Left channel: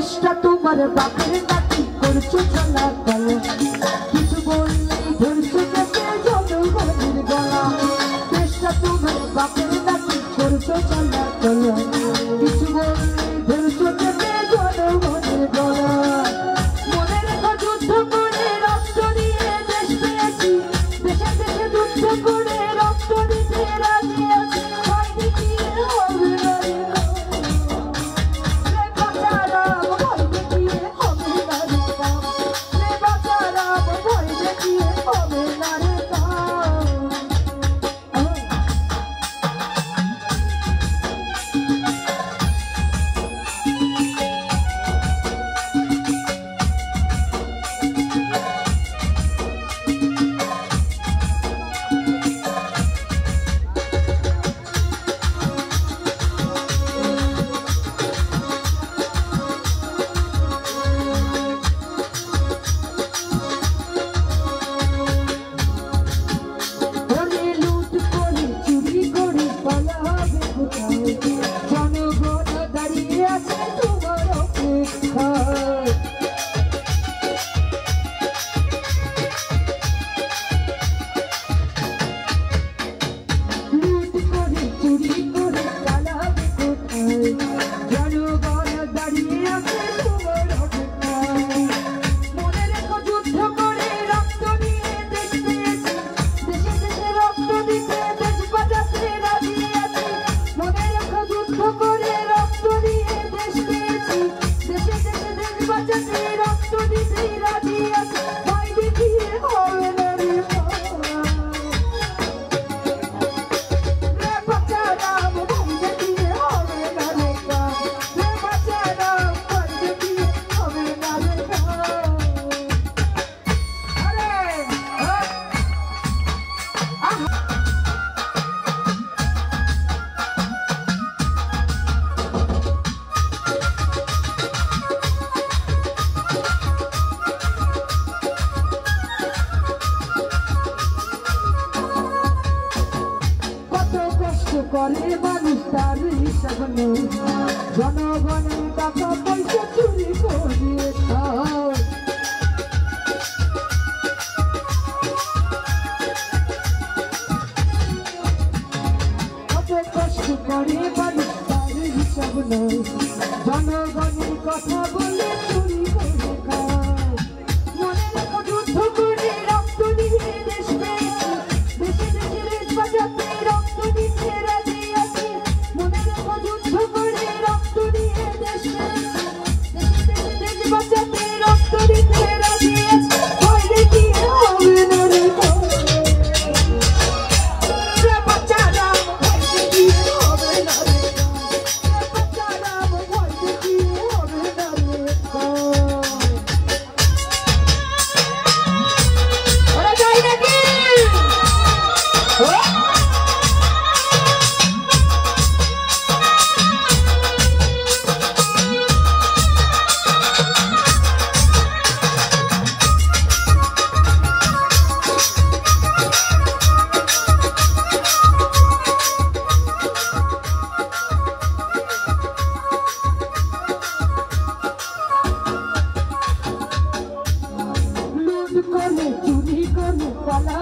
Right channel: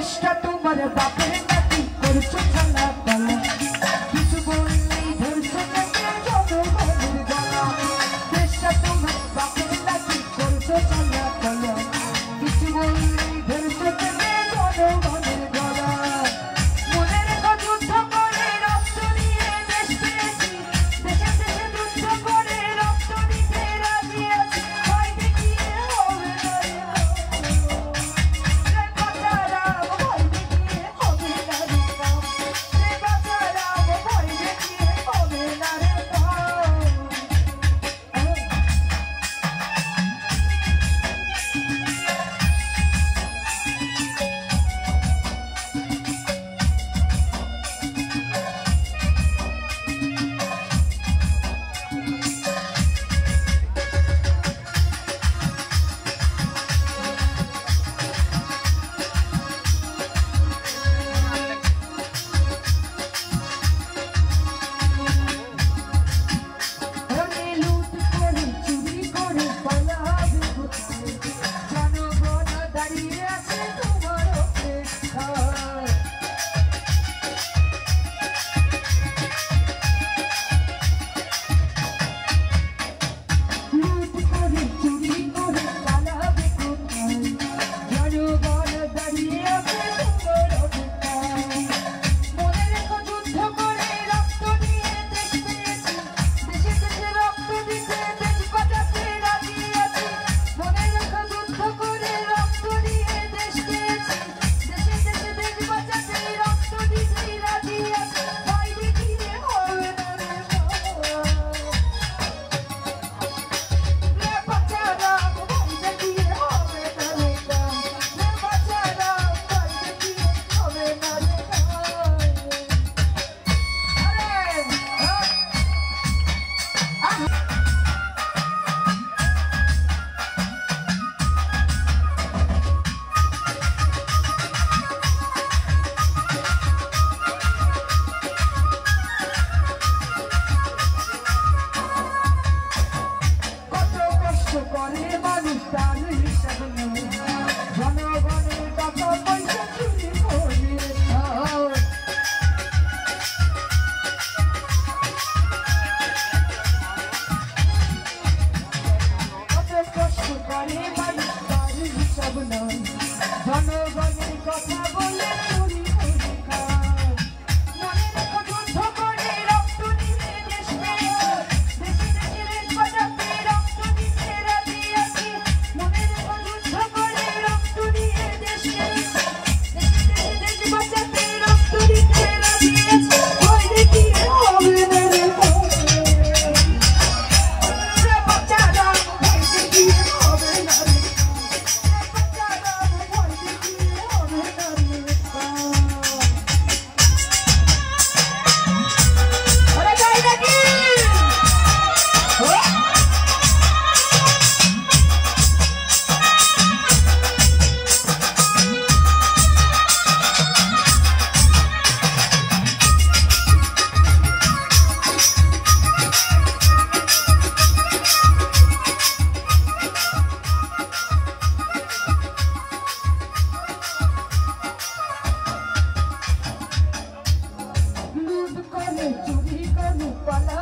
চেষ্টা তোমার বাপের নাকি করছো চলা কলা কিছু বললি ধরছো কেটে জনগণের গলা চেষ্টা তোমার বাপের নাকি করছো চলা কলা কিছু বললি ধরছো কেটে জনগণের গলা মনে রেখো যুদ্ধ করে রক্ত দিয়ে দেশ পেয়েছি দেশে দেশে যুদ্ধ করে রক্ত দিতে রাজি আছি ভয় দেখিয়ে হবে না করে মানুষ তার হিসাব নেই জনগণের টাকা পয়সা চুরি করে কত কষ্ট করে মানুষ তার হিসাব নেই জনগণের কথা বলে চুরি করে চুরি করে পালা